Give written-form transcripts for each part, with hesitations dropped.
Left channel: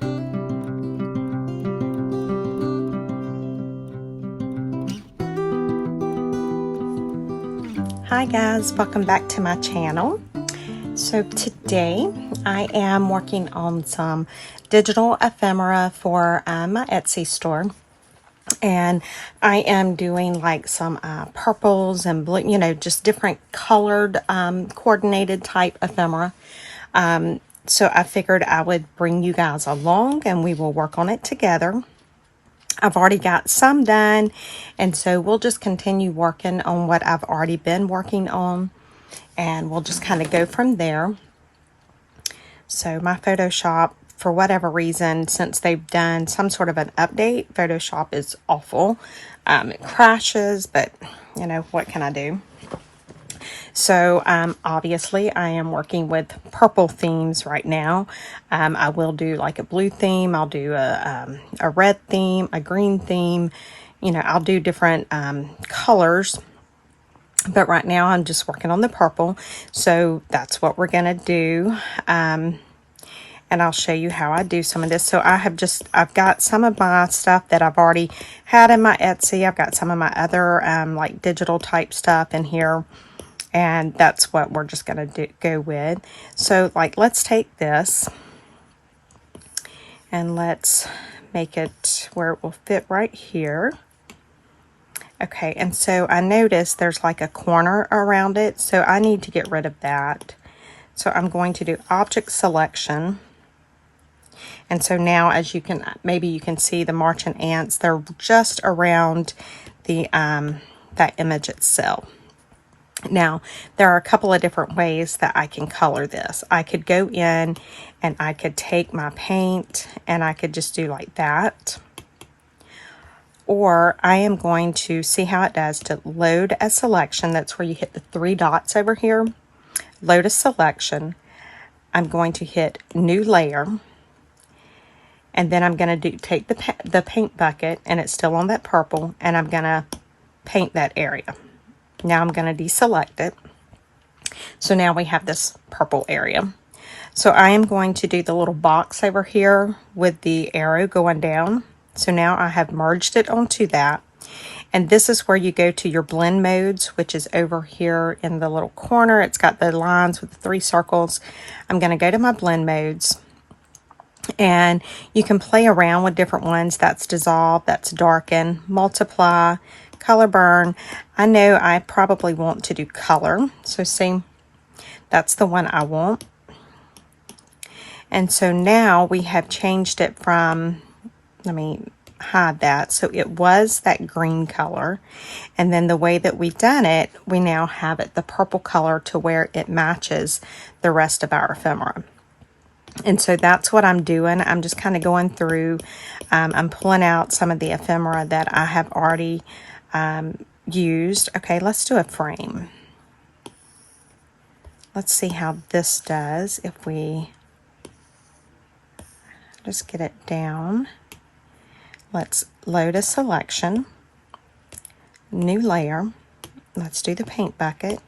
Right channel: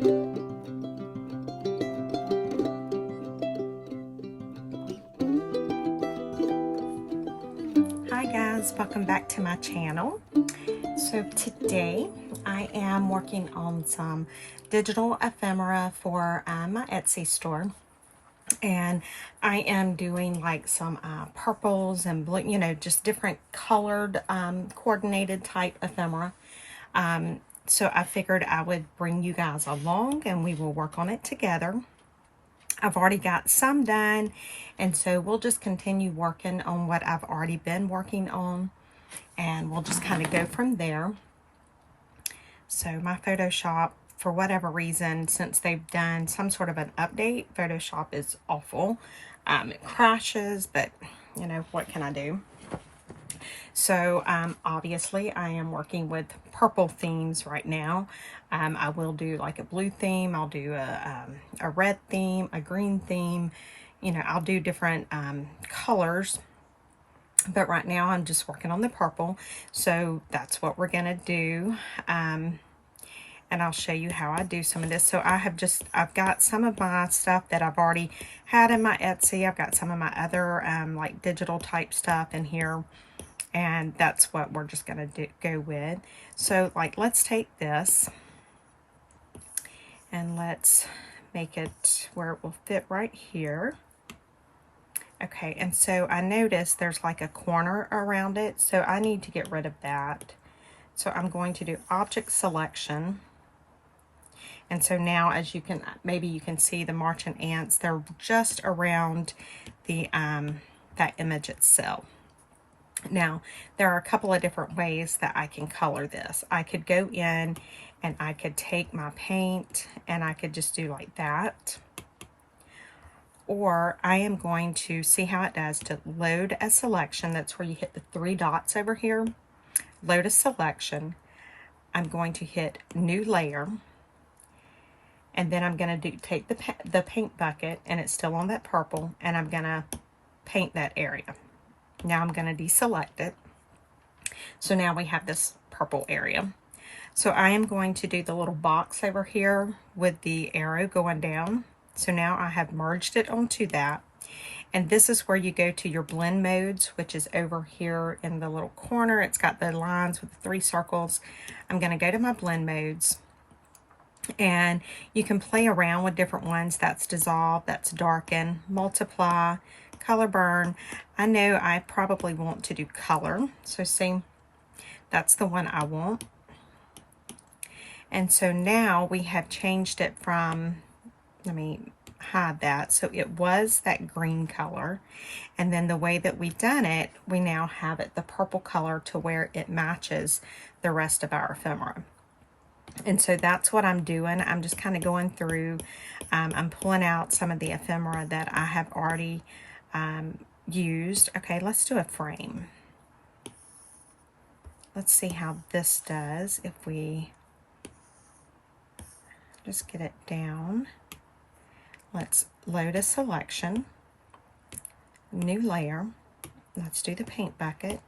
Hi guys, welcome back to my channel. So today I am working on some digital ephemera for my Etsy store, and I am doing like some purples and blue, you know, just different colored coordinated type ephemera. So I figured I would bring you guys along and we will work on it together. I've already got some done, and so we'll just continue working on what I've already been working on, and we'll just kind of go from there. So my Photoshop, for whatever reason, since they've done some sort of an update, Photoshop is awful. It crashes, but you know, what can I do? So obviously I am working with purple themes right now. I will do like a blue theme, I'll do a red theme, a green theme, you know, I'll do different colors. But right now I'm just working on the purple. So that's what we're gonna do. And I'll show you how I do some of this. So I've got some of my stuff that I've already had in my Etsy. I've got some of my other like digital type stuff in here. And that's what we're just going to go with. So like, let's take this and let's make it where it will fit right here. Okay, and so I noticed there's like a corner around it, so I need to get rid of that. So I'm going to do object selection. And so now, as you can, maybe you can see the marching ants, they're just around the that image itself. Now, there are a couple of different ways that I can color this. I could go in and I could take my paint and I could just do like that. Or I am going to see how it does to load a selection. That's where you hit the three dots over here. Load a selection. I'm going to hit new layer. And then I'm going to take the paint bucket, and it's still on that purple, and I'm going to paint that area. Now I'm going to deselect it. So now we have this purple area. So I am going to do the little box over here with the arrow going down. So now I have merged it onto that. And this is where you go to your blend modes, which is over here in the little corner. It's got the lines with the three circles. I'm going to go to my blend modes. And you can play around with different ones. That's dissolve, that's darken, multiply, color burn. I know I probably want to do color. So see, that's the one I want. And so now we have changed it from, let me hide that. So it was that green color. And then the way that we've done it, we now have it the purple color to where it matches the rest of our ephemera. And so that's what I'm doing. I'm just kind of going through, I'm pulling out some of the ephemera that I have already used. Okay, let's do a frame. Let's see how this does if we just get it down. Let's load a selection, new layer. Let's do the paint bucket,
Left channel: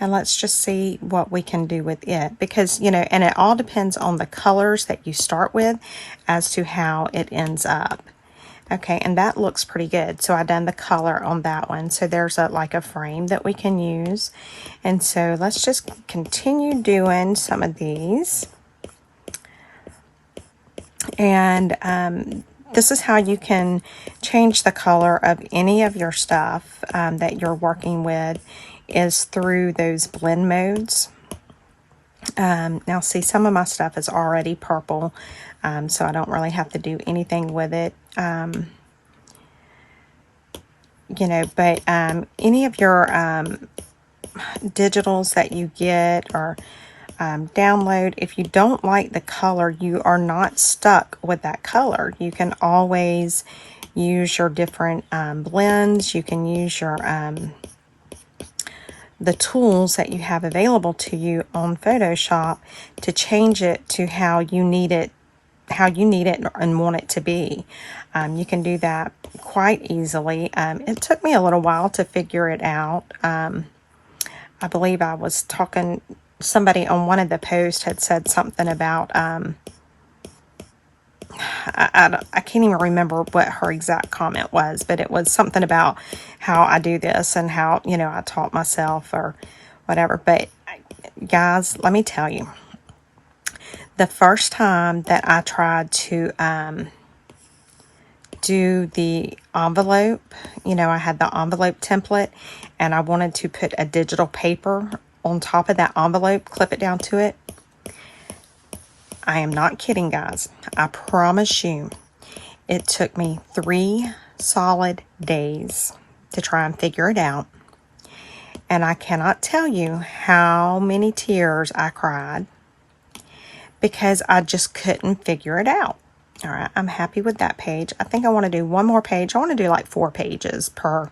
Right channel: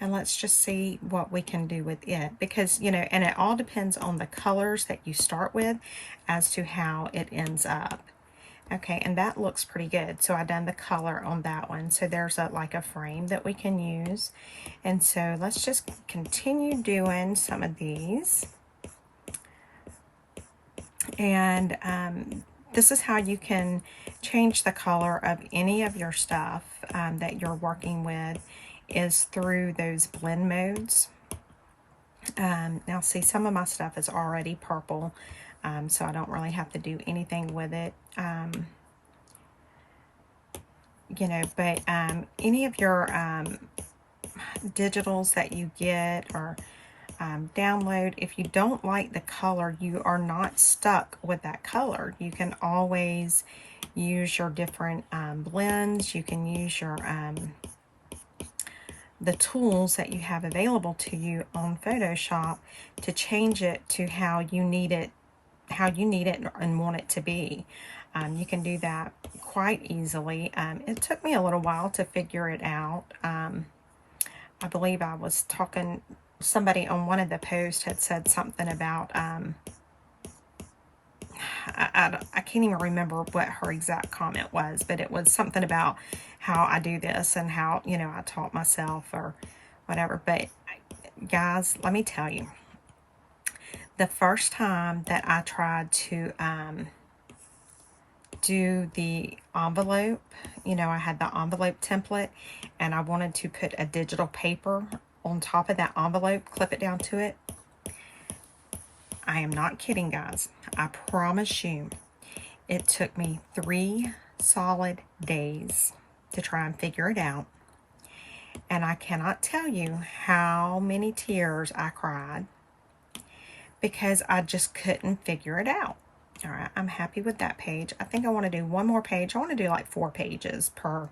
and let's just see what we can do with it, because you know, and it all depends on the colors that you start with as to how it ends up. Okay, and that looks pretty good. So I done the color on that one. So there's like a frame that we can use. And so let's just continue doing some of these. And this is how you can change the color of any of your stuff that you're working with, is through those blend modes. Now see, some of my stuff is already purple. So I don't really have to do anything with it, you know, but any of your digitals that you get or download, if you don't like the color, you are not stuck with that color. You can always use your different blends. You can use your the tools that you have available to you on Photoshop to change it to how you need it and want it to be. You can do that quite easily. It took me a little while to figure it out. I believe I was talking, somebody on one of the posts had said something about I can't even remember what her exact comment was, but it was something about how I do this and how, you know, I taught myself or whatever. But guys, let me tell you, the first time that I tried to do the envelope, you know, I had the envelope template and I wanted to put a digital paper on top of that envelope, clip it down to it. I am not kidding, guys. I promise you, it took me 3 solid days to try and figure it out. And I cannot tell you how many tears I cried because I just couldn't figure it out. All right, I'm happy with that page. I think I want to do one more page. I want to do like 4 pages per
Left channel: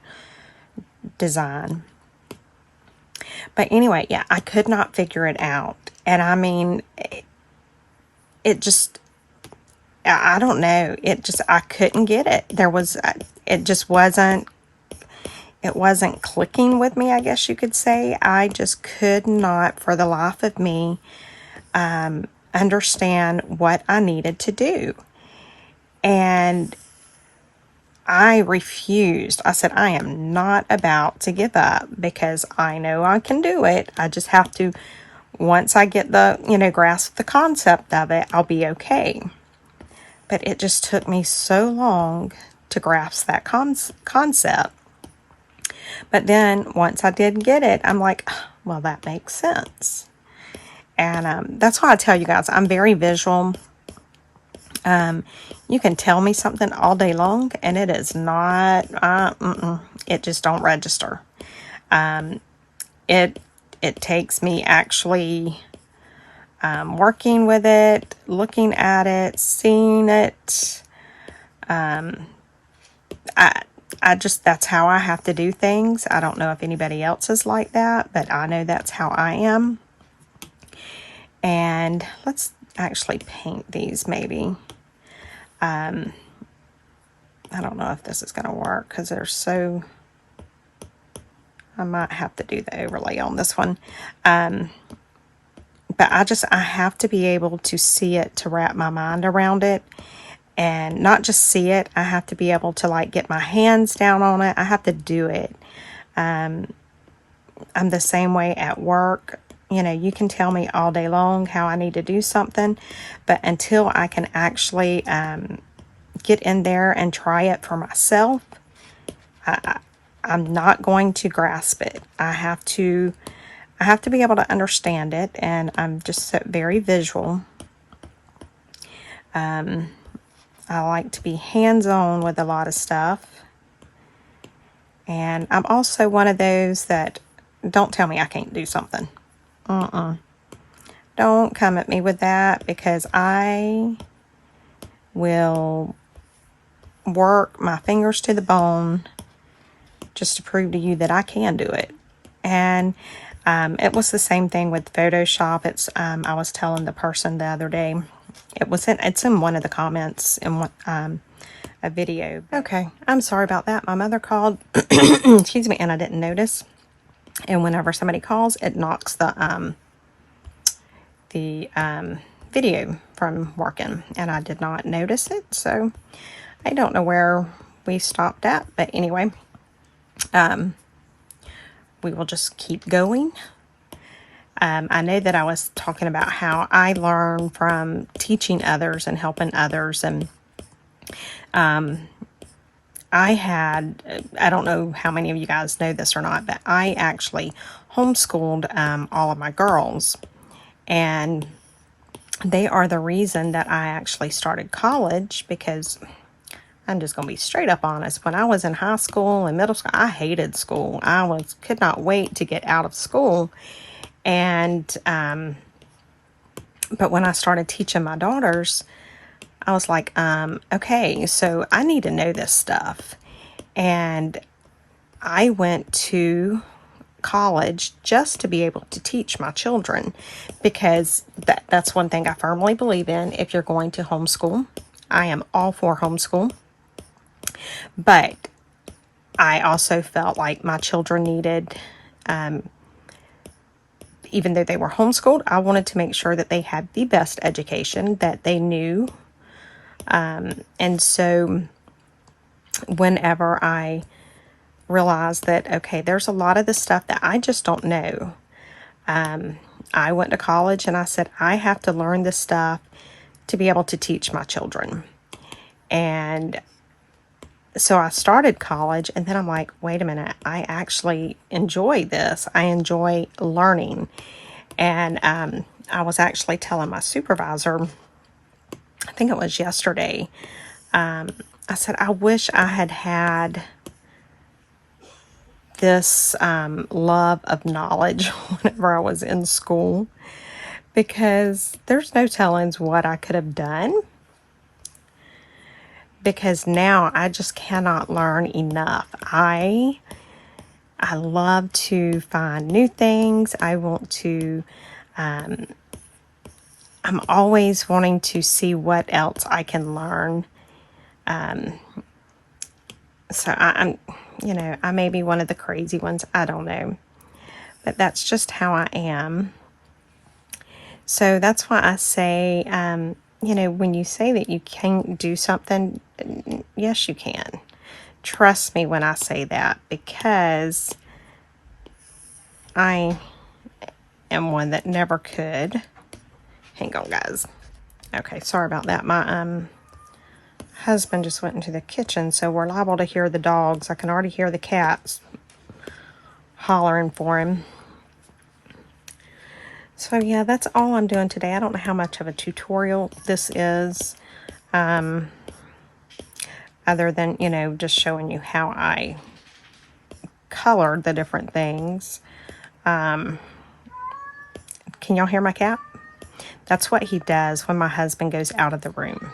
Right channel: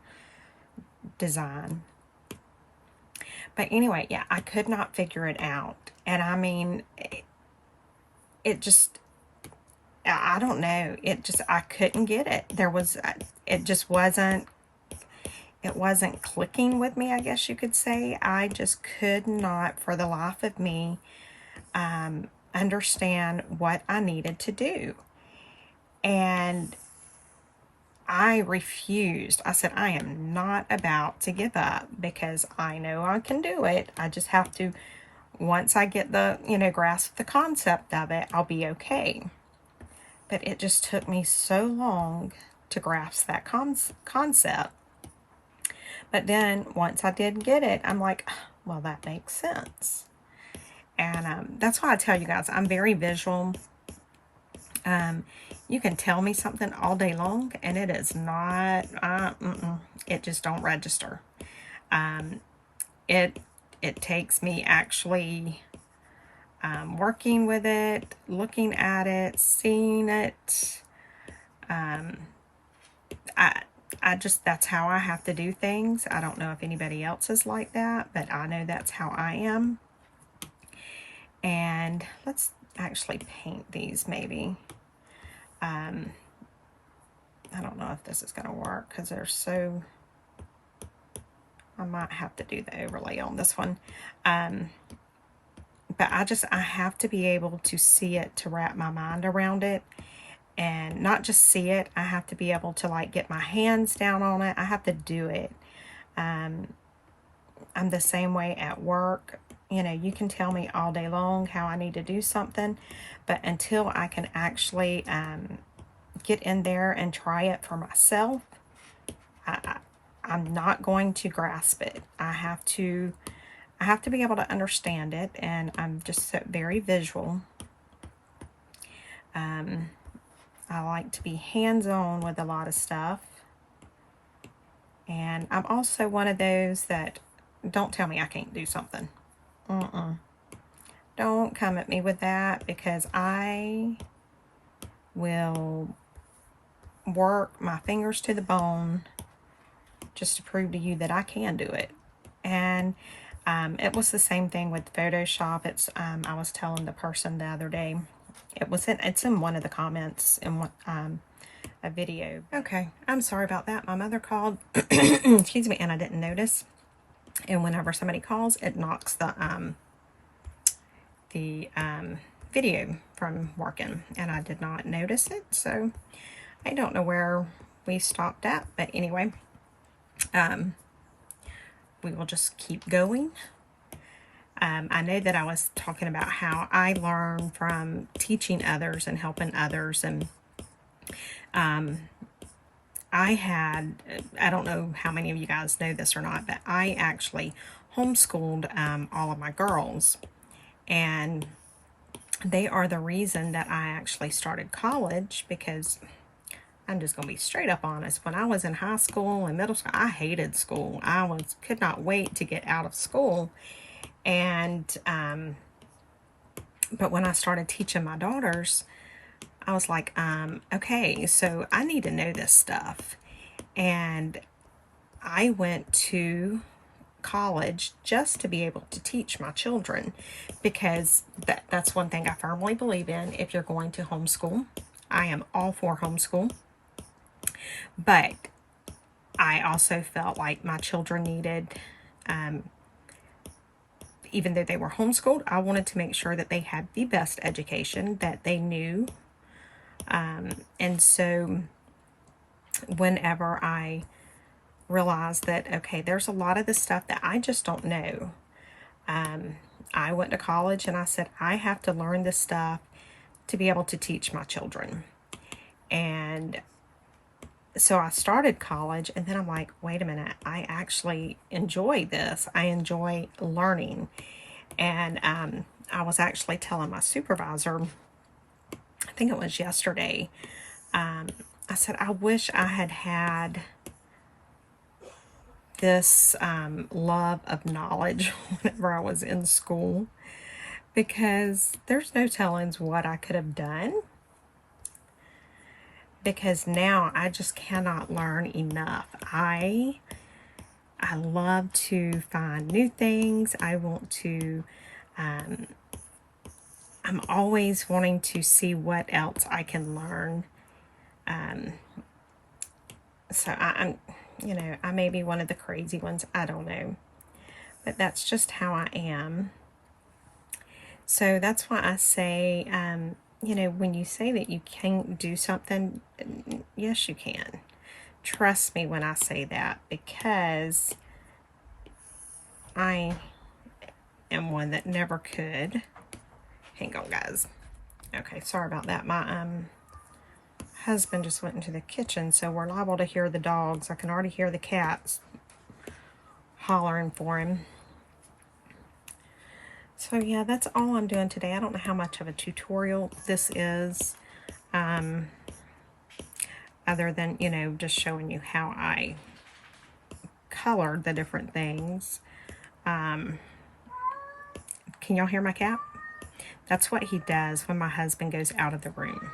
design. But anyway, yeah, I could not figure it out. And I mean, it just, I don't know. It just, I couldn't get it. It just wasn't, it wasn't clicking with me, I guess you could say. I just could not, for the life of me, understand what I needed to do. And I refused. I said, I am not about to give up because I know I can do it. I just have to, once I get the, you know, grasp the concept of it, I'll be okay. But it just took me so long to grasp that concept. But then once I did get it, I'm like, well, that makes sense. And that's why I tell you guys, I'm very visual. You can tell me something all day long, and it is not, it just don't register. It takes me actually working with it, looking at it, seeing it. I just, that's how I have to do things. I don't know if anybody else is like that, but I know that's how I am. And let's actually paint these maybe. I don't know if this is going to work because they're so, I might have to do the overlay on this one. But I have to be able to see it to wrap my mind around it. And not just see it, I have to be able to like get my hands down on it. I have to do it. I'm the same way at work. You know, you can tell me all day long how I need to do something, but until I can actually get in there and try it for myself, I'm not going to grasp it. I have to be able to understand it, and I'm just so very visual. I like to be hands-on with a lot of stuff. And I'm also one of those that, don't tell me I can't do something. Don't come at me with that, because I will work my fingers to the bone just to prove to you that I can do it. And it was the same thing with Photoshop. It's I was telling the person the other day, it's in one of the comments in a video. Okay, I'm sorry about that. My mother called, excuse me, and I didn't notice. And whenever somebody calls, it knocks the video from working, and I did not notice it. So I don't know where we stopped at, but anyway, we will just keep going. I know that I was talking about how I learn from teaching others and helping others, and I don't know how many of you guys know this or not, but I actually homeschooled all of my girls, and they are the reason that I actually started college, because I'm just going to be straight up honest. When I was in high school and middle school, I hated school. Could not wait to get out of school. And, but when I started teaching my daughters, I was like, okay, so I need to know this stuff. And I went to college just to be able to teach my children, because that's one thing I firmly believe in. If you're going to homeschool, I am all for homeschool. But I also felt like my children needed, even though they were homeschooled, I wanted to make sure that they had the best education, that they knew And so whenever I realized that, okay, there's a lot of the stuff that I just don't know. I went to college and I said, I have to learn this stuff to be able to teach my children. And so I started college, and then I'm like, wait a minute, I actually enjoy this. I enjoy learning. And I was actually telling my supervisor, I think it was yesterday, I said, I wish I had had this love of knowledge whenever I was in school, because there's no telling what I could have done. Because now I just cannot learn enough. I love to find new things. I want to, I'm always wanting to see what else I can learn. So I'm, you know, I may be one of the crazy ones. I don't know. But that's just how I am. So that's why I say, you know, when you say that you can't do something, yes, you can. Trust me when I say that, because I am one that never could. Hang on, guys. Okay, sorry about that. My husband just went into the kitchen, so we're liable to hear the dogs. I can already hear the cats hollering for him. So yeah, that's all I'm doing today. I don't know how much of a tutorial this is, other than, you know, just showing you how I colored the different things. Can y'all hear my cat? That's what he does when my husband goes out of the room.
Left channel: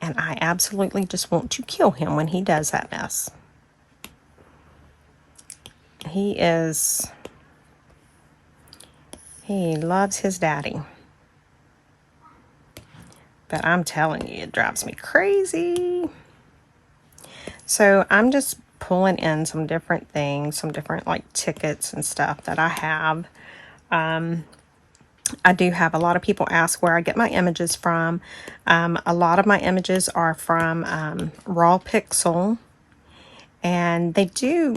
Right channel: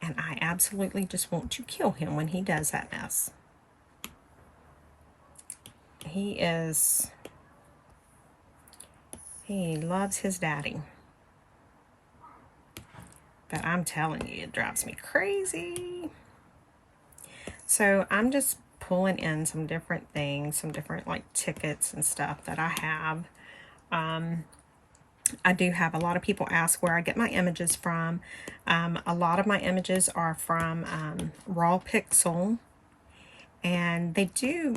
And I absolutely just want to kill him when he does that mess. He loves his daddy. But I'm telling you, it drives me crazy. So I'm just pulling in some different things, some different like tickets and stuff that I have. I do have a lot of people ask where I get my images from. A lot of my images are from Raw Pixel. And they do,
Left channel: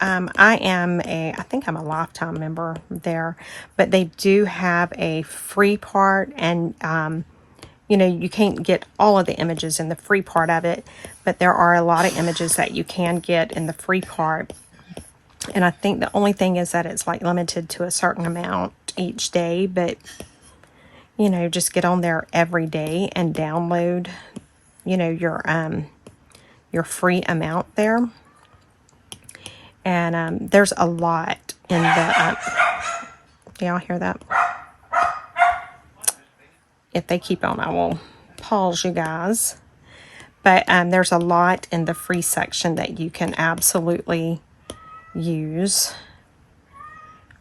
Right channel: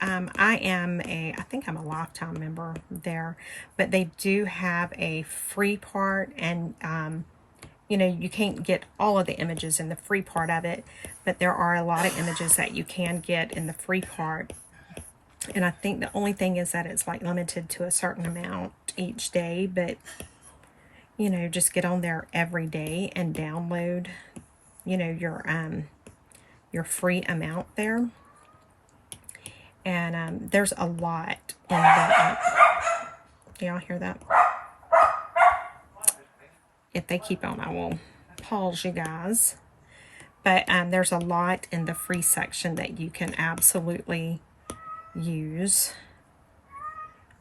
I think I'm a lifetime member there, but they do have a free part, and you know, you can't get all of the images in the free part of it, but there are a lot of images that you can get in the free part. And I think the only thing is that it's like limited to a certain amount each day, but you know, just get on there every day and download, you know, your free amount there. And there's a lot in the, do y'all hear that? If they keep on, I will pause you guys. But there's a lot in the free section that you can absolutely use.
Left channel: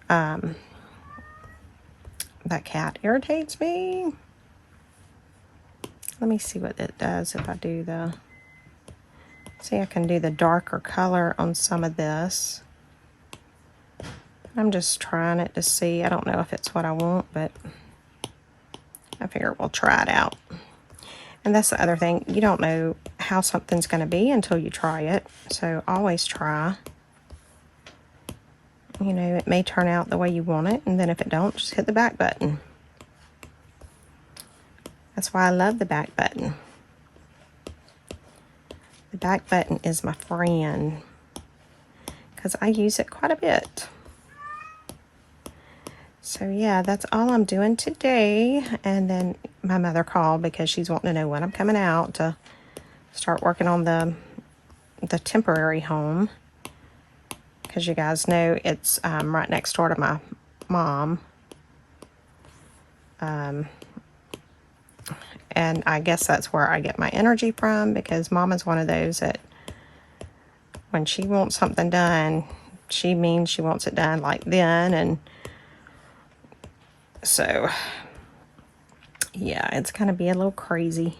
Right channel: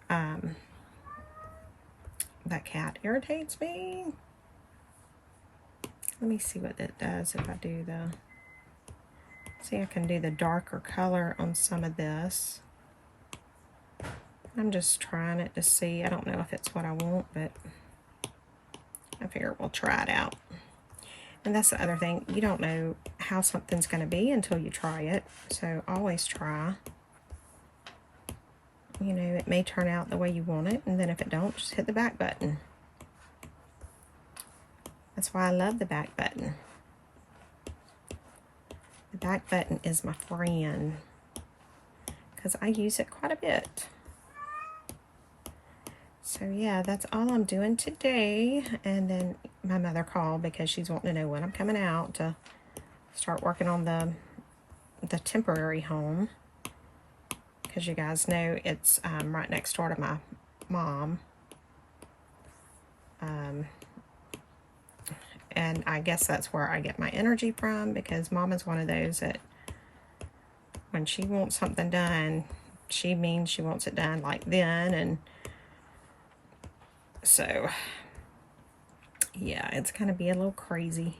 That cat irritates me. Let me see what it does if I do the... See, I can do the darker color on some of this. I'm just trying it to see. I don't know if it's what I want, but I figure we'll try it out. And that's the other thing. You don't know how something's going to be until you try it. So always try. You know, it may turn out the way you want it. And then if it don't, just hit the back button. That's why I love the back button. The back button is my friend, because I use it quite a bit. So yeah, that's all I'm doing today. And then my mother called because she's wanting to know when I'm coming out to start working on the temporary home. Because you guys know it's right next door to my mom. And I guess that's where I get my energy from, because Mom is one of those that when she wants something done, she means she wants it done like then. And so, yeah, it's going to be a little crazy.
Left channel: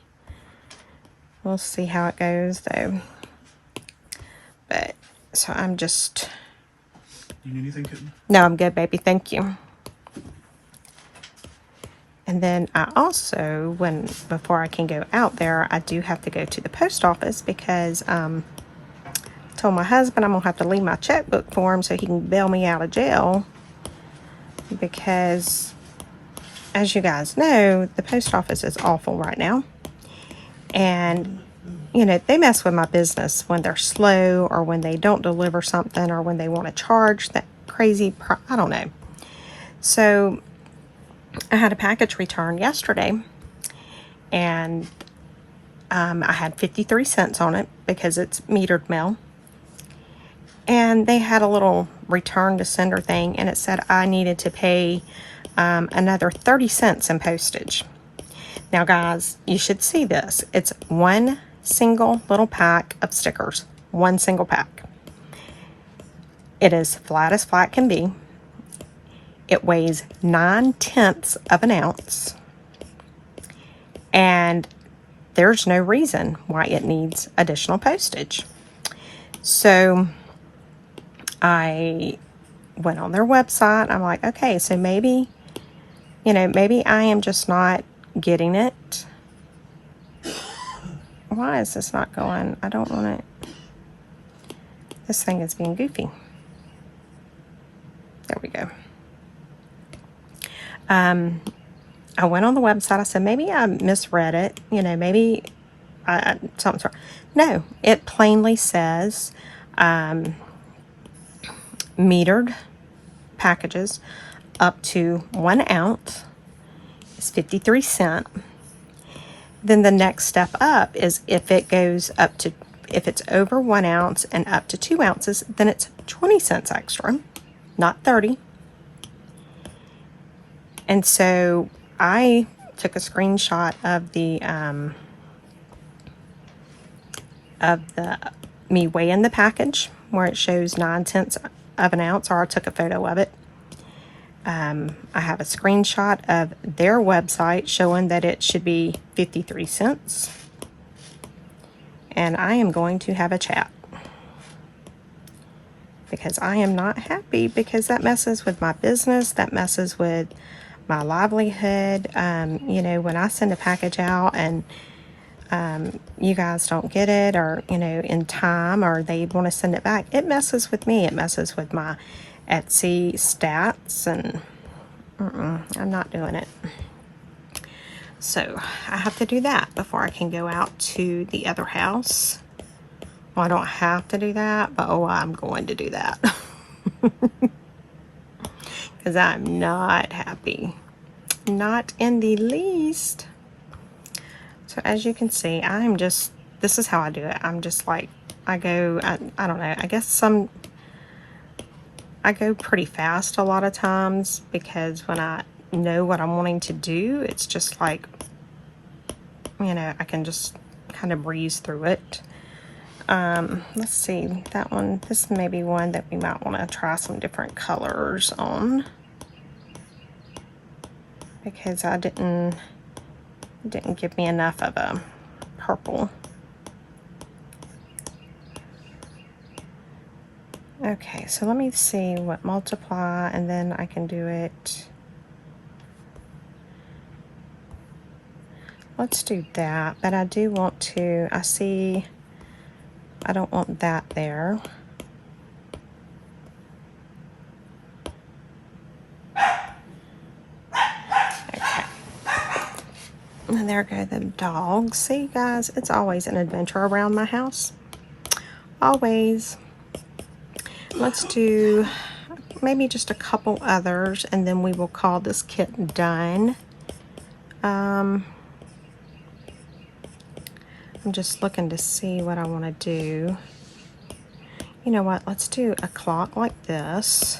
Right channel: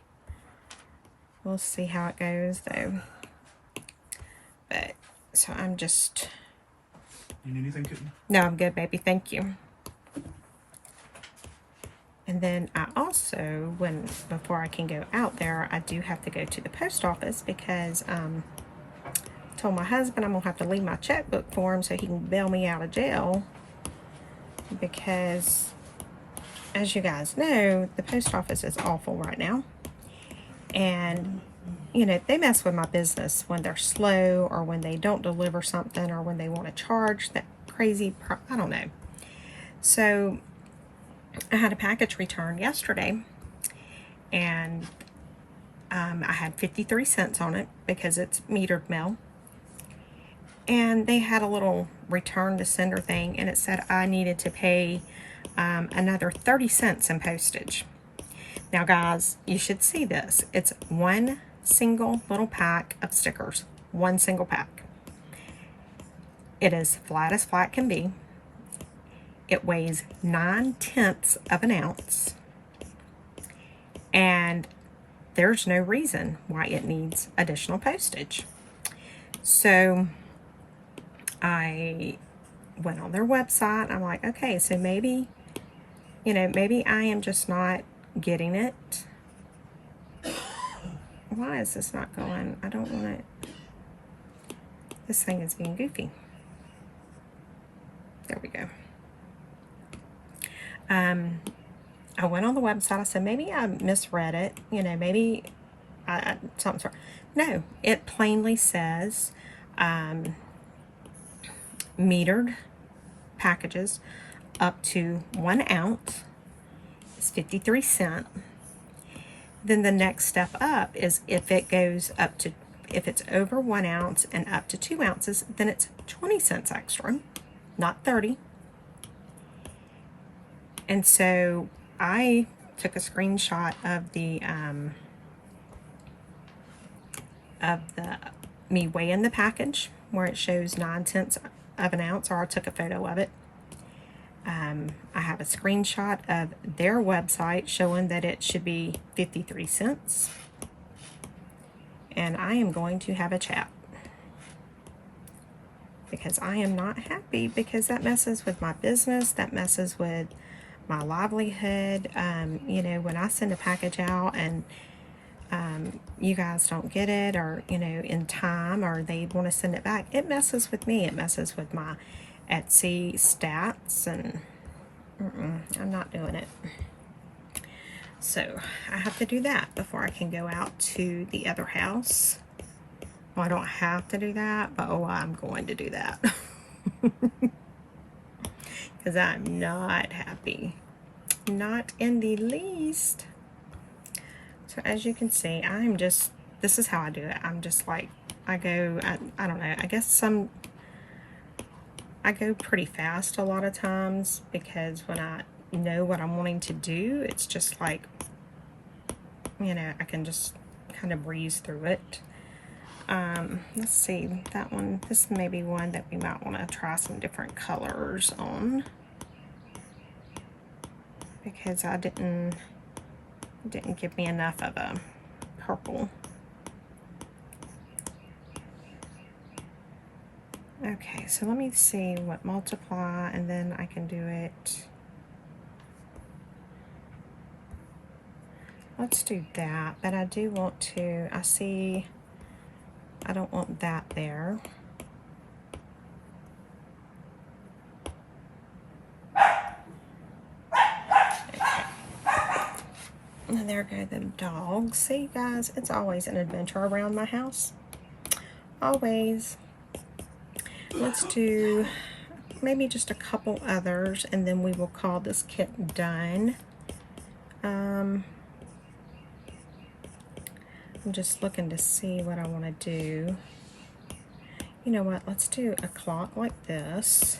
We'll see how it goes, though. But, so I'm just... You need anything, kitten? No, I'm good, baby. Thank you. And then I also, before I can go out there, I do have to go to the post office because I told my husband I'm going to have to leave my checkbook for him so he can bail me out of jail. Because, as you guys know, the post office is awful right now. And, you know, they mess with my business when they're slow or when they don't deliver something or when they want to charge that crazy, I don't know. So I had a package returned yesterday, and I had 53 cents on it because it's metered mail. And they had a little return to sender thing, and it said I needed to pay another 30 cents in postage. Now, guys, you should see this. It's one single little pack of stickers. One single pack. It is flat as flat can be. It weighs 9/10 of an ounce. And there's no reason why it needs additional postage. So I went on their website. I'm like, okay, so maybe, you know, maybe I am just not getting it. Why is this not going? I don't want it. This thing is being goofy. There we go. I went on the website. I said, maybe I misread it. You know, maybe something's wrong. No, it plainly says metered packages up to 1 ounce is 53 cents. Then the next step up is if it goes up to, if it's over 1 ounce and up to 2 ounces, then it's 20 cents extra, not 30. And so I took a screenshot of the me weighing the package where it shows 9/10 of an ounce, or I took a photo of it. I have a screenshot of their website showing that it should be 53 cents. And I am going to have a chat because I am not happy, because that messes with my business. That messes with my livelihood. You know, when I send a package out and you guys don't get it, or, you know, in time, or they want to send it back, it messes with me. It messes with my Etsy stats, and I'm not doing it. So I have to do that before I can go out to the other house. Well, I don't have to do that, but oh, I'm going to do that. Because I'm not happy. Not in the least. So as you can see, I'm just, this is how I do it. I'm just like, I don't know, I guess I go pretty fast a lot of times, because when I know what I'm wanting to do, it's just like, you know, I can just kind of breeze through it. Let's see, that one, this may be one that we might want to try some different colors on, because it didn't give me enough of a purple. Okay, so let me see what multiply, and then I can do it. Let's do that, but I do want to, I don't want that there. Okay. And there go the dogs. See, guys, it's always an adventure around my house. Always. Let's do maybe just a couple others, and then we will call this kit done. I'm just looking to see what I want to do. You know what? Let's do a clock like this.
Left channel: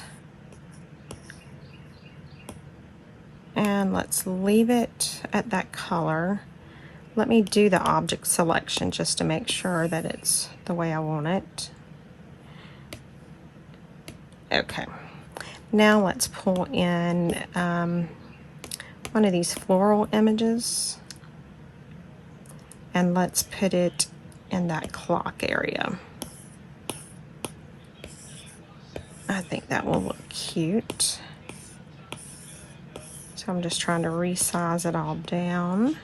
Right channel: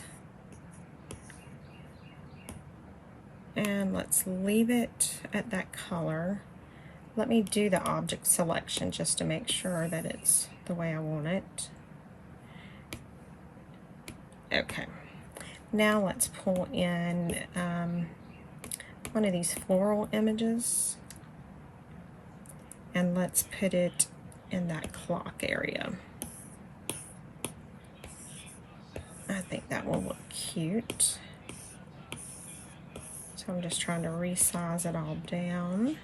And let's leave it at that color. Let me do the object selection just to make sure that it's the way I want it. Okay. Now let's pull in one of these floral images, and let's put it in that clock area. I think that will look cute. So So I'm just trying to resize it all down.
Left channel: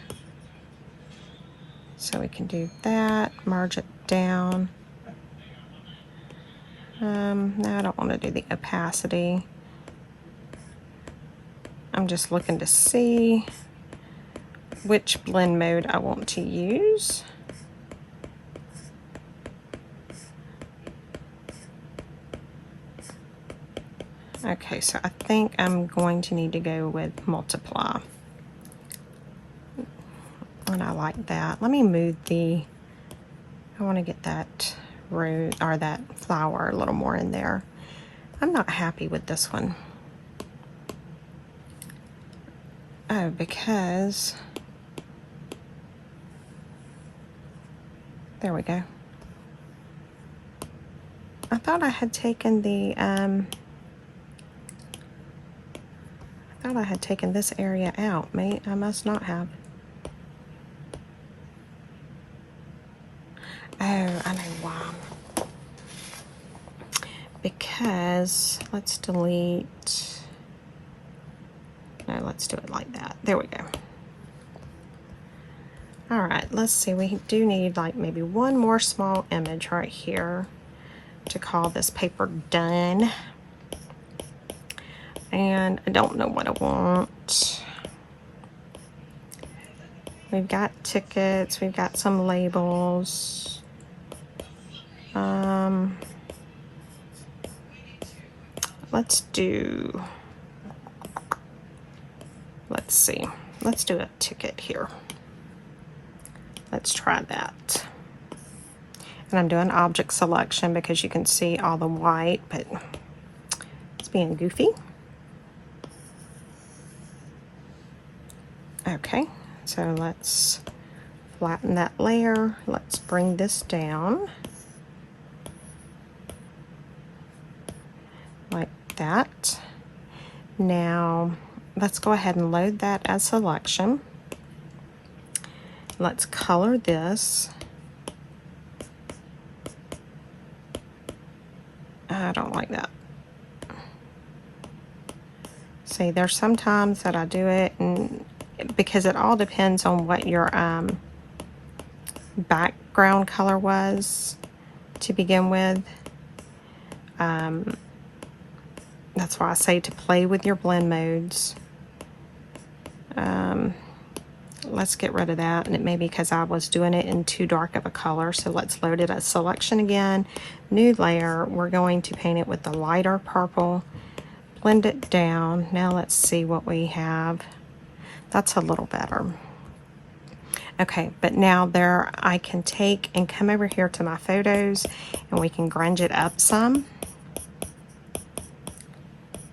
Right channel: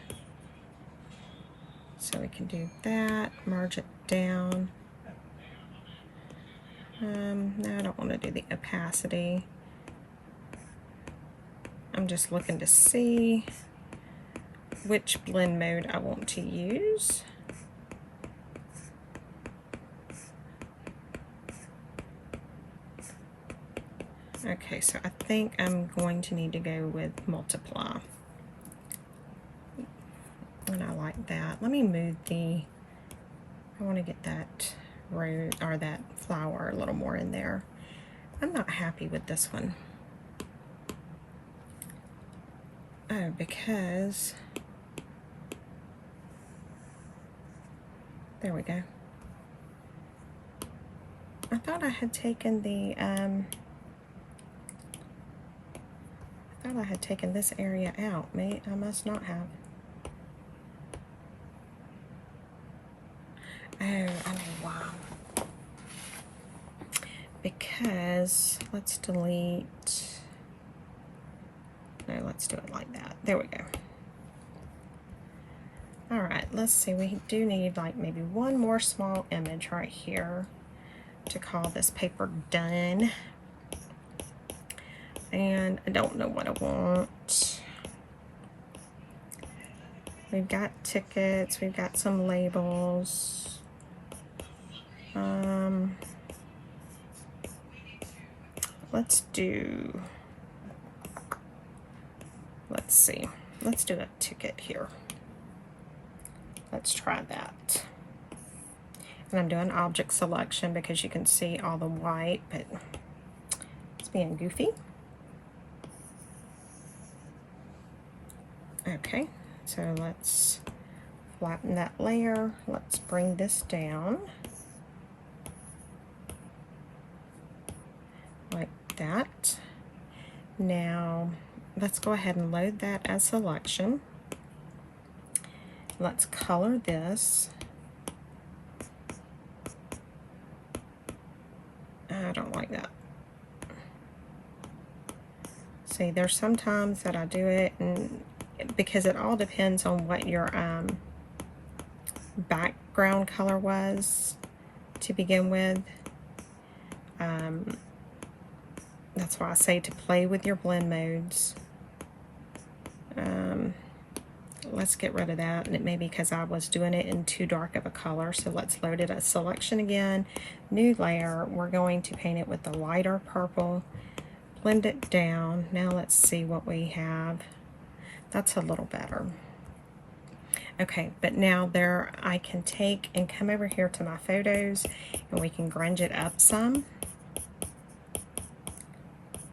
So we can do that, merge it down. No, I don't want to do the opacity. I'm just looking to see which blend mode I want to use. Okay, so I think I'm going to need to go with multiply. And I like that. Let me move I want to get that root or that flower a little more in there. I'm not happy with this one. Oh, because there we go. I thought I had taken this area out, mate. I must not have. Oh, I know why. Because let's delete. No, let's do it like that. There we go. All right, let's see. We do need like maybe one more small image right here to call this paper done. And I don't know what I want. We've got tickets, we've got some labels. Let's see. Let's do a ticket here. Let's try that. And I'm doing object selection because you can see all the white, but it's being goofy. Okay, so let's flatten that layer. Let's bring this down like that. Now let's go ahead and load that as selection. Let's color this. I don't like that. See, there's sometimes that I do it, and because it all depends on what your background color was to begin with. That's why I say to play with your blend modes. Let's get rid of that, and it may be because I was doing it in too dark of a color. So let's load it as selection again, new layer. We're going to paint it with the lighter purple, blend it down. Now let's see what we have. That's a little better. Okay, but now there I can take and come over here to my photos, and we can grunge it up some.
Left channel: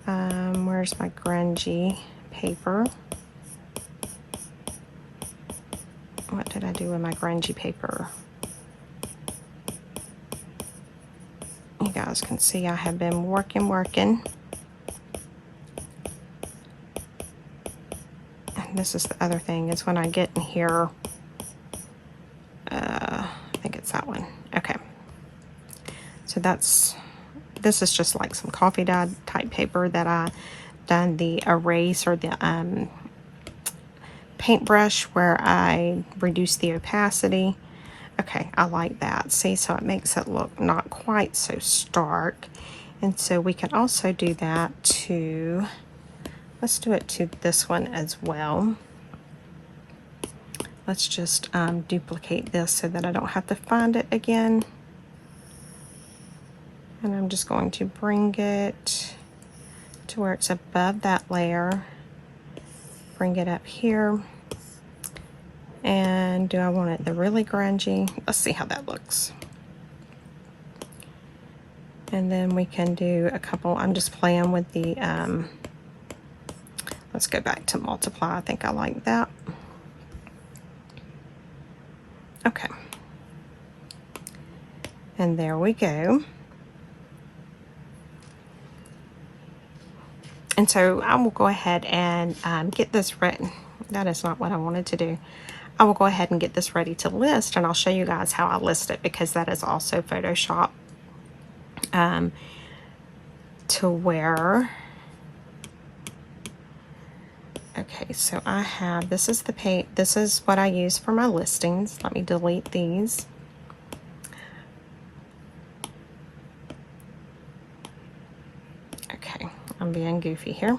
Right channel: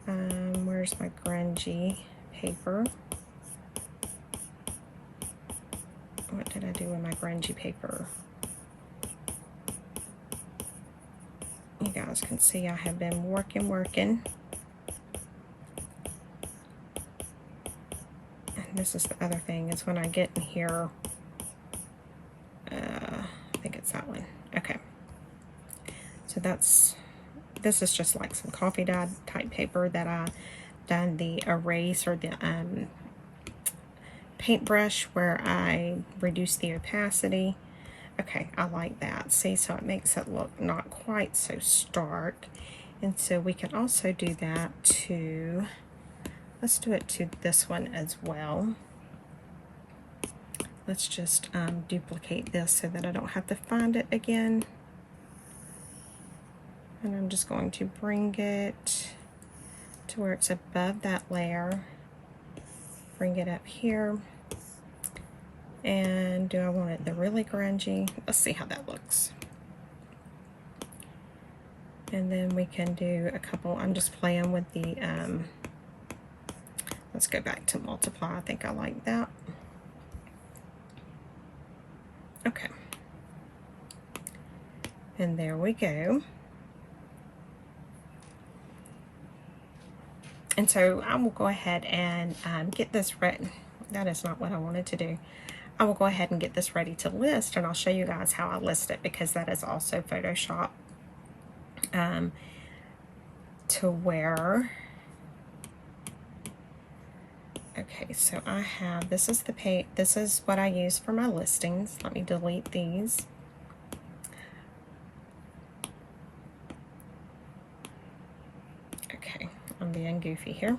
Where's my grungy paper? What did I do with my grungy paper? You guys can see I have been working. And this is the other thing, is when I get in here, I think it's that one. Okay. So this is just like some coffee dye type paper that I done the erase or the paintbrush where I reduce the opacity. Okay, I like that. See, so it makes it look not quite so stark. And so we can also do that to, let's do it to this one as well. Let's just duplicate this so that I don't have to find it again. And I'm just going to bring it to where it's above that layer. Bring it up here. And do I want it the really grungy? Let's see how that looks. And then we can do a couple. I'm just playing with the, let's go back to multiply. I think I like that. Okay. And there we go. And so I will go ahead and get this written. That is not what I wanted to do. I will go ahead and get this ready to list, and I'll show you guys how I list it, because that is also Photoshop to where, okay, Okay, so I have, this is the page, this is what I use for my listings. Let me delete these. Okay, I'm being goofy here.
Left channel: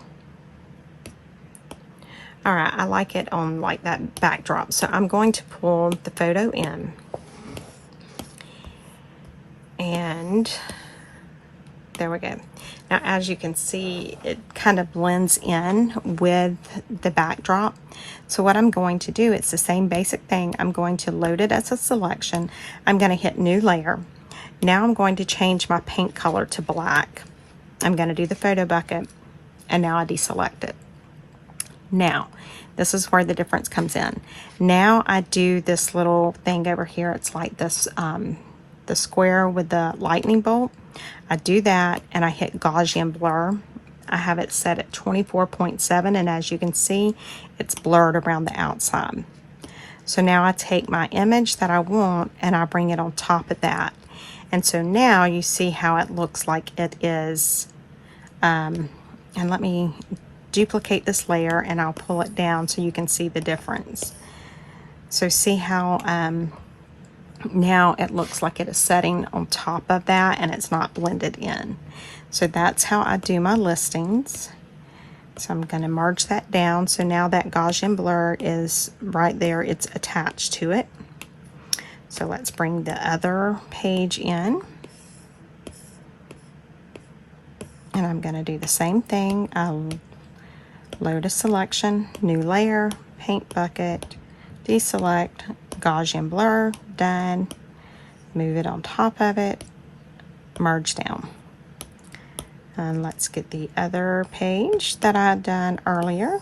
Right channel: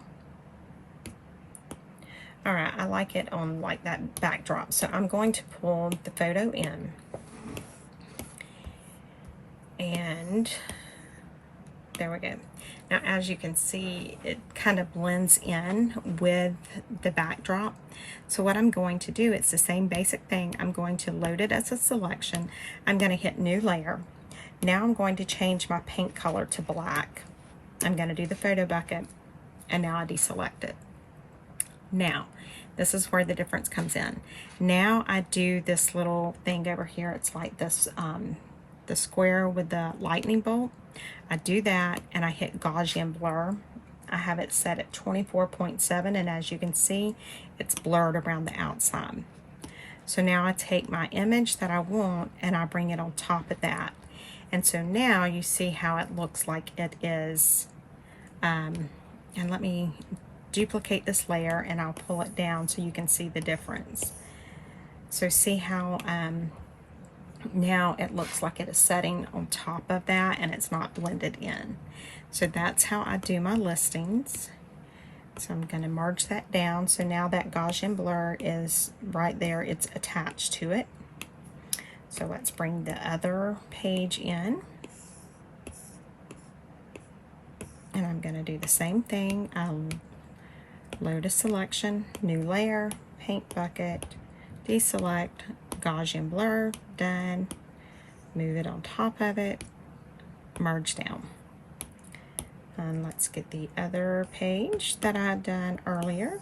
All right, I like it on like that backdrop. So I'm going to pull the photo in. And there we go. Now, as you can see, it kind of blends in with the backdrop. So what I'm going to do, it's the same basic thing. I'm going to load it as a selection. I'm going to hit new layer. Now I'm going to change my paint color to black. I'm going to do the photo bucket, and now I deselect it. Now, this is where the difference comes in. Now I do this little thing over here. It's like this, the square with the lightning bolt. I do that and I hit Gaussian blur. I have it set at 24.7, and as you can see, it's blurred around the outside. So now I take my image that I want and I bring it on top of that. And so now you see how it looks like it is. And let me duplicate this layer and I'll pull it down so you can see the difference. So see how now it looks like it is setting on top of that and it's not blended in. So that's how I do my listings. So I'm going to merge that down. So now that Gaussian blur is right there, it's attached to it. So let's bring the other page in. And I'm going to do the same thing. I'll load a selection, new layer, paint bucket, deselect, Gaussian blur, done. Move it on top of it, merge down. And let's get the other page that I had done earlier.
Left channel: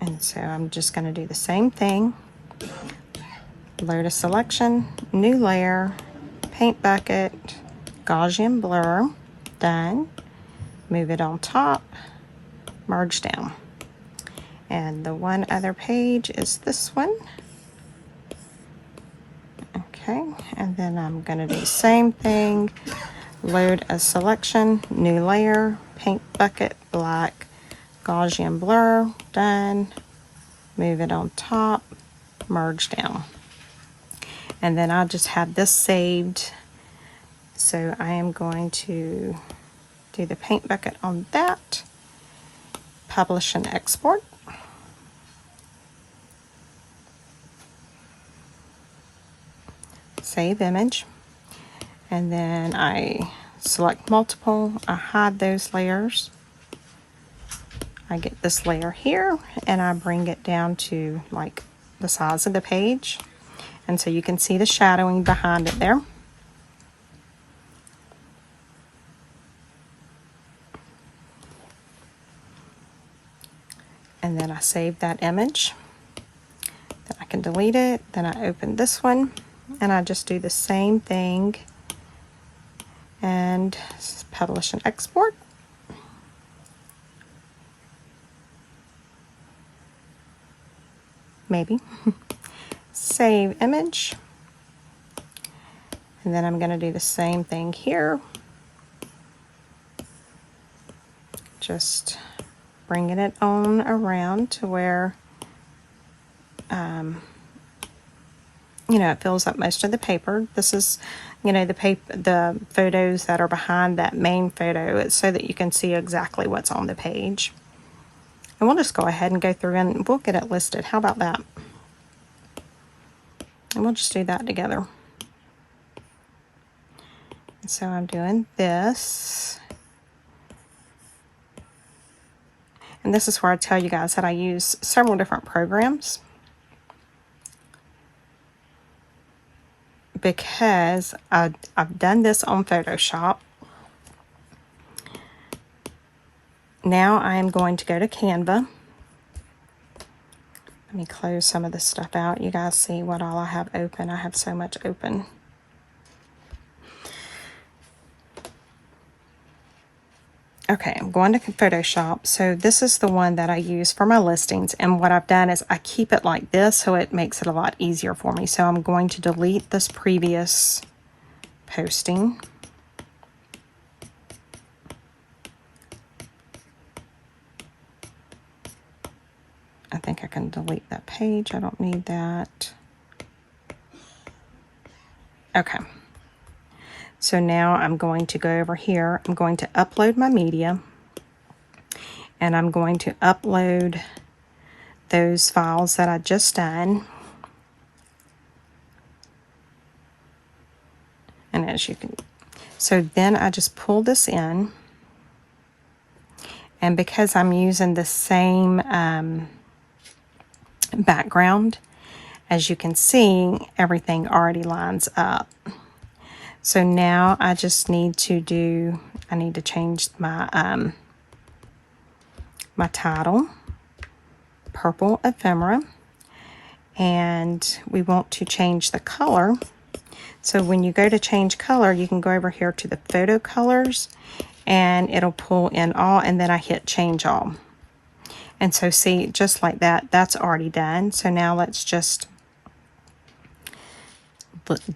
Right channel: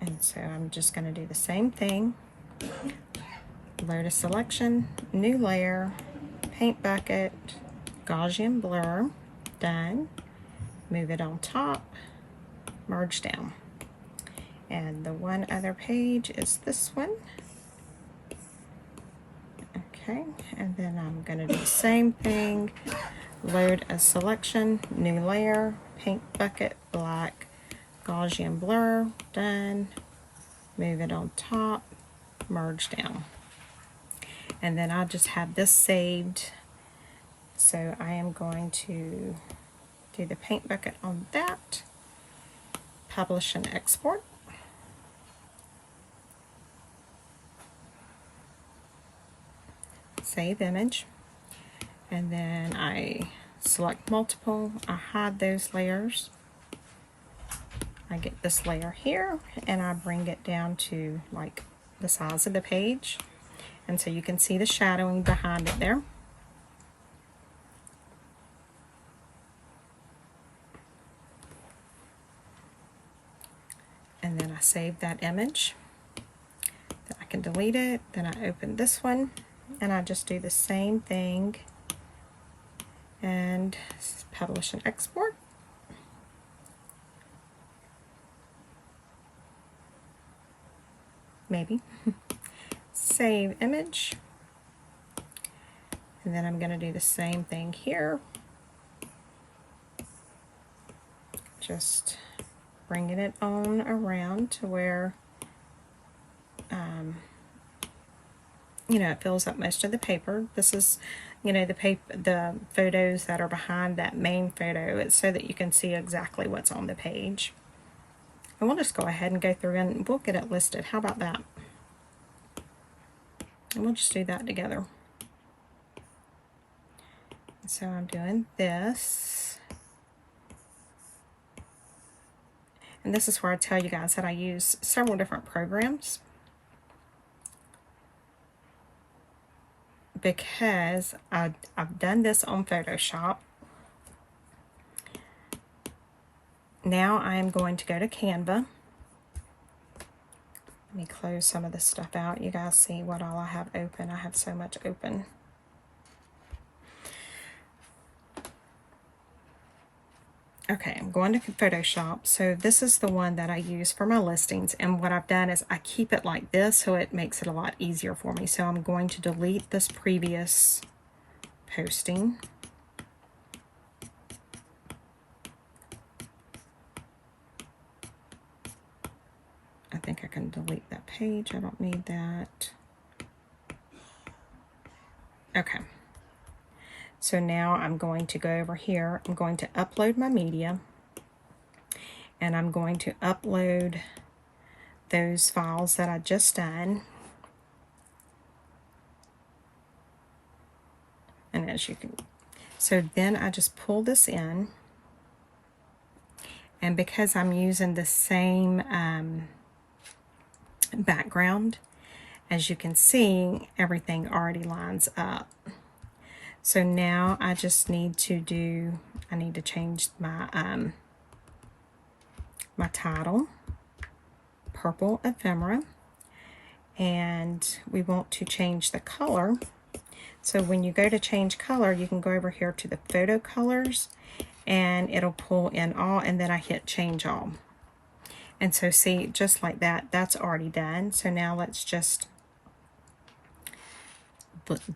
And so I'm just going to do the same thing. Load a selection, new layer, paint bucket, Gaussian blur, done. Move it on top, merge down. And the one other page is this one. Okay, and then I'm going to do the same thing. Load a selection, new layer, paint bucket, black, Gaussian blur, done. Move it on top, merge down. And then I'll just have this saved. So I am going to do the paint bucket on that, publish and export. Save image, and then I select multiple, I hide those layers, I get this layer here and I bring it down to like the size of the page, and so you can see the shadowing behind it there. And then I save that image, then I can delete it, then I open this one and I just do the same thing and publish and export. Maybe. Save image. And then I'm going to do the same thing here. Just bringing it on around to where you know, it fills up most of the paper. This is, you know, the photos that are behind that main photo. It's so that you can see exactly what's on the page. And we'll just go ahead and go through and we'll get it listed. How about that? And we'll just do that together. So I'm doing this. And this is where I tell you guys that I use several different programs, because I've done this on Photoshop. Now I am going to go to Canva. Let me close some of this stuff out. You guys see what all I have open. I have so much open. Okay, I'm going to Photoshop. So this is the one that I use for my listings. And what I've done is I keep it like this so it makes it a lot easier for me. So I'm going to delete this previous posting. think I can delete that page. I don't need that. Okay. So now I'm going to go over here. I'm going to upload my media. And I'm going to upload those files that I just done. And as you can, so then I just pull this in. And because I'm using the same background, as you can see, everything already lines up. So now I just need to do, I need to change my my title, Purple Ephemera, and we want to change the color. So when you go to change color, you can go over here to the photo colors, and it'll pull in all, and then I hit change all. And so see, just like that, that's already done. So now let's just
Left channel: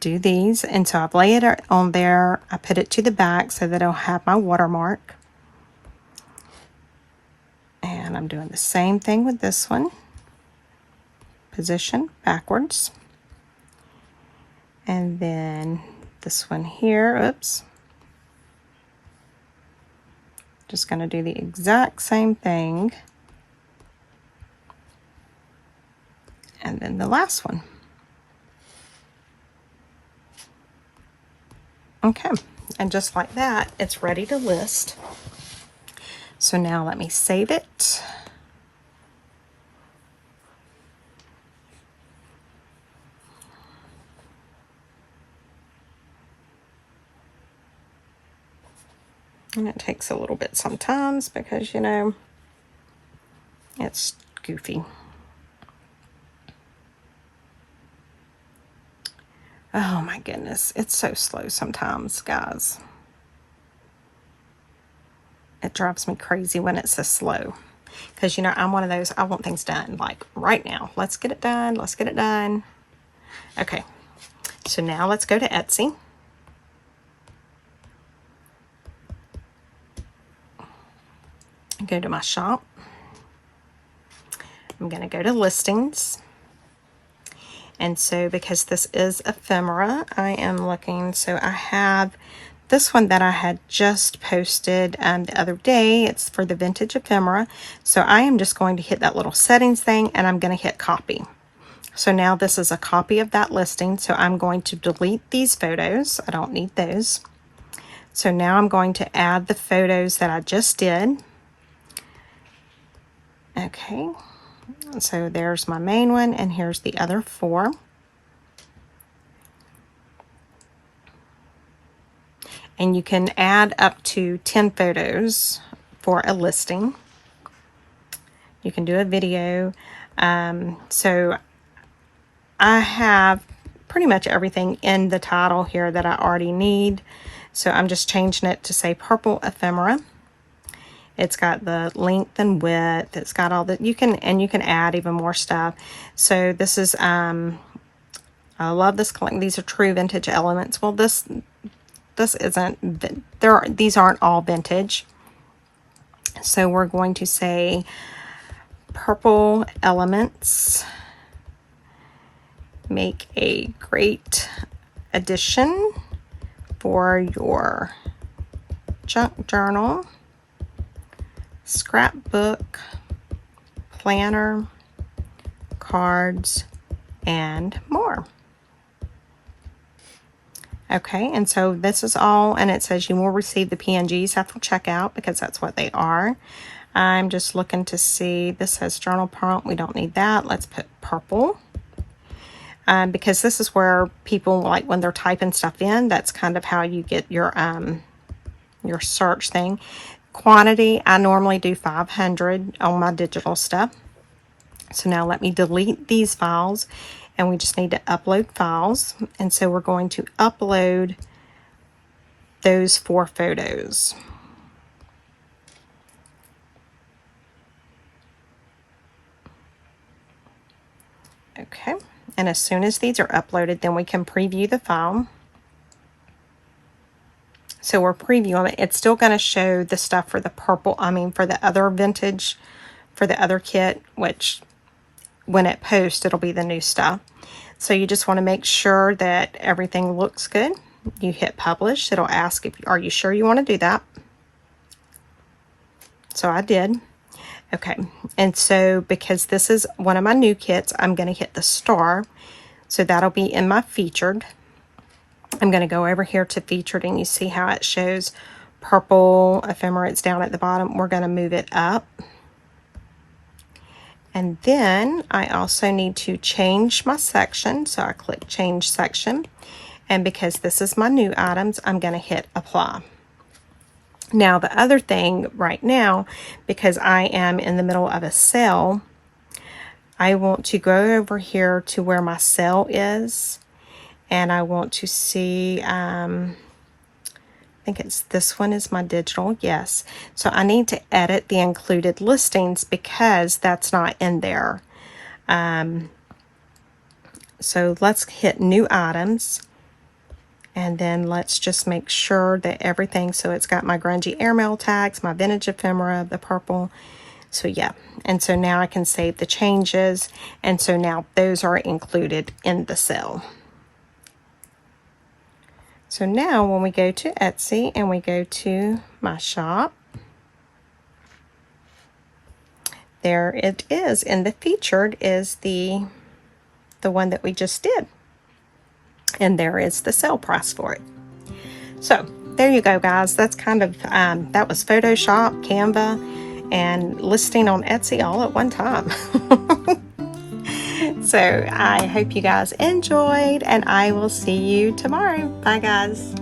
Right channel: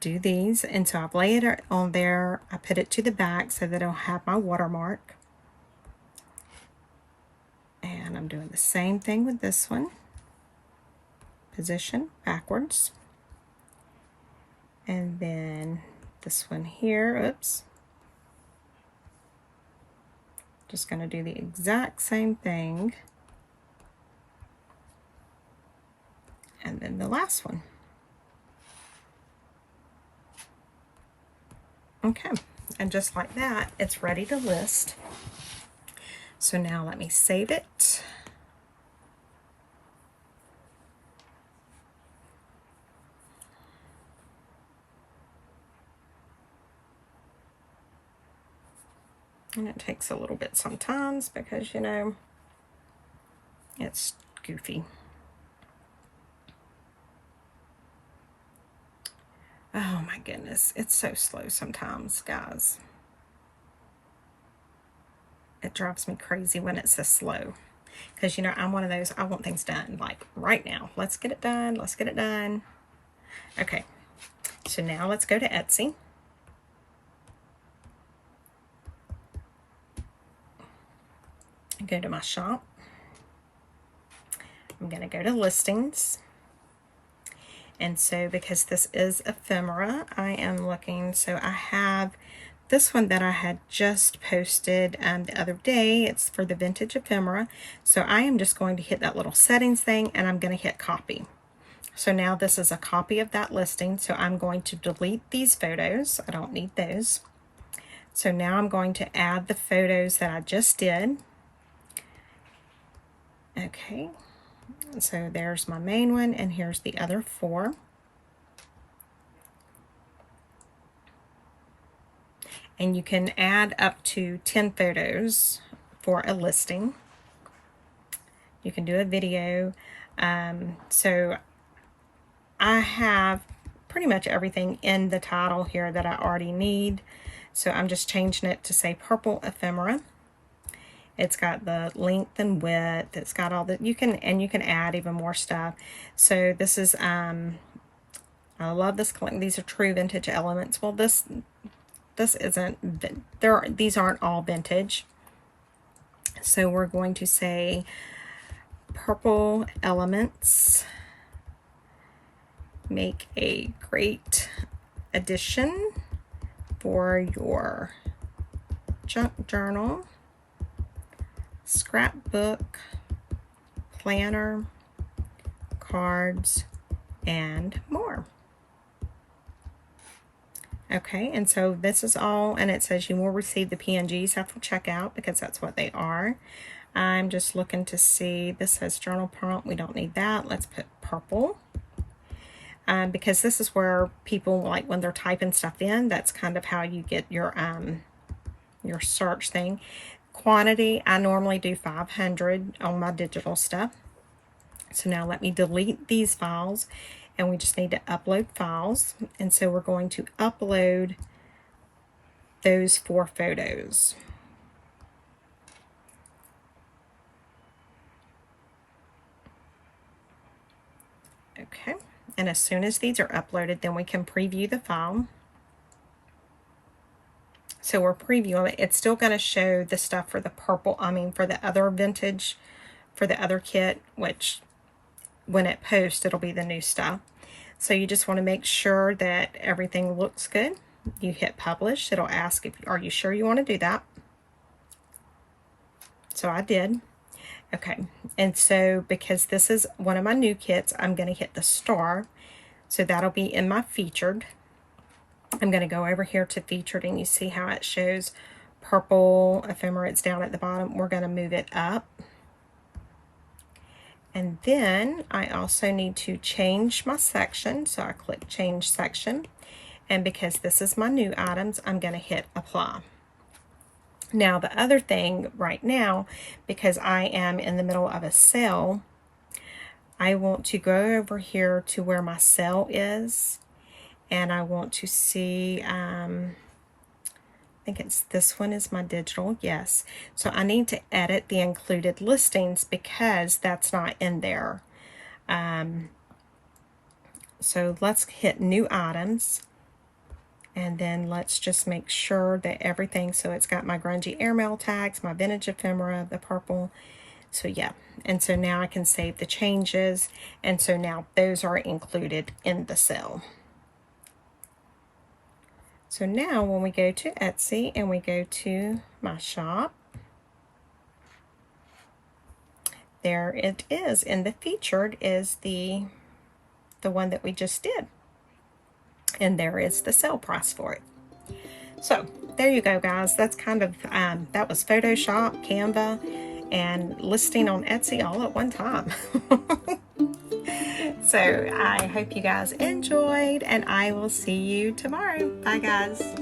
do these. And so I've laid it on there. I put it to the back so that it'll have my watermark. And I'm doing the same thing with this one. Position backwards. And then this one here, oops. Just going to do the exact same thing. And then the last one. Okay, and just like that, it's ready to list. So now let me save it. And it takes a little bit sometimes because, you know, it's goofy. Oh my goodness, it's so slow sometimes, guys. It drives me crazy when it's so slow. Because, you know, I'm one of those, I want things done, like, right now. Let's get it done, let's get it done. Okay, so now let's go to Etsy. Go to my shop. I'm going to go to listings. And so because this is ephemera, I am looking, so I have this one that I had just posted the other day. It's for the vintage ephemera. So I am just going to hit that little settings thing, and I'm going to hit copy. So now this is a copy of that listing. So I'm going to delete these photos. I don't need those. So now I'm going to add the photos that I just did. Okay, so there's my main one, and here's the other 4. And you can add up to 10 photos for a listing. You can do a video. So I have pretty much everything in the title here that I already need. So I'm just changing it to say Purple Ephemera. It's got the length and width. It's got all the, you can add even more stuff. So this is, I love this collection. These are true vintage elements. Well, this isn't, these aren't all vintage. So we're going to say purple elements make a great addition for your junk journal, scrapbook, planner, cards, and more. Okay, and so this is all, and it says you will receive the PNGs after checkout because that's what they are. I'm just looking to see, this says journal prompt, we don't need that. Let's put purple. Because this is where people, like when they're typing stuff in, that's kind of how you get your search thing. Quantity, I normally do 500 on my digital stuff. So now let me delete these files, and we just need to upload files. And so we're going to upload those 4 photos. Okay, and as soon as these are uploaded, then we can preview the file. So we're previewing it. It's still going to show the stuff for the purple, for the other vintage, for the other kit, which when it posts, it'll be the new stuff. So you just want to make sure that everything looks good. You hit publish. It'll ask if are you sure you want to do that. So I did. Okay, and so because this is one of my new kits, I'm going to hit the star. So that'll be in my featured. I'm going to go over here to featured, and you see how it shows purple ephemera. It's down at the bottom. We're going to move it up. And then I also need to change my section. So I click change section. And because this is my new items, I'm going to hit apply. Now the other thing right now, because I am in the middle of a sale, I want to go over here to where my sale is, and I want to see, I think it's this one is my digital, yes. So I need to edit the included listings because that's not in there. So let's hit new items. And then let's just make sure that everything, so it's got my grungy airmail tags, my vintage ephemera, the purple. So yeah, and so now I can save the changes. And so now those are included in the sale. So now when we go to Etsy and we go to my shop, there it is. And the featured is the one that we just did. And there is the sale price for it. So there you go, guys. That's kind of that was Photoshop, Canva, and listing on Etsy all at one time. So I hope you guys enjoyed, and I will see you tomorrow. Bye, guys.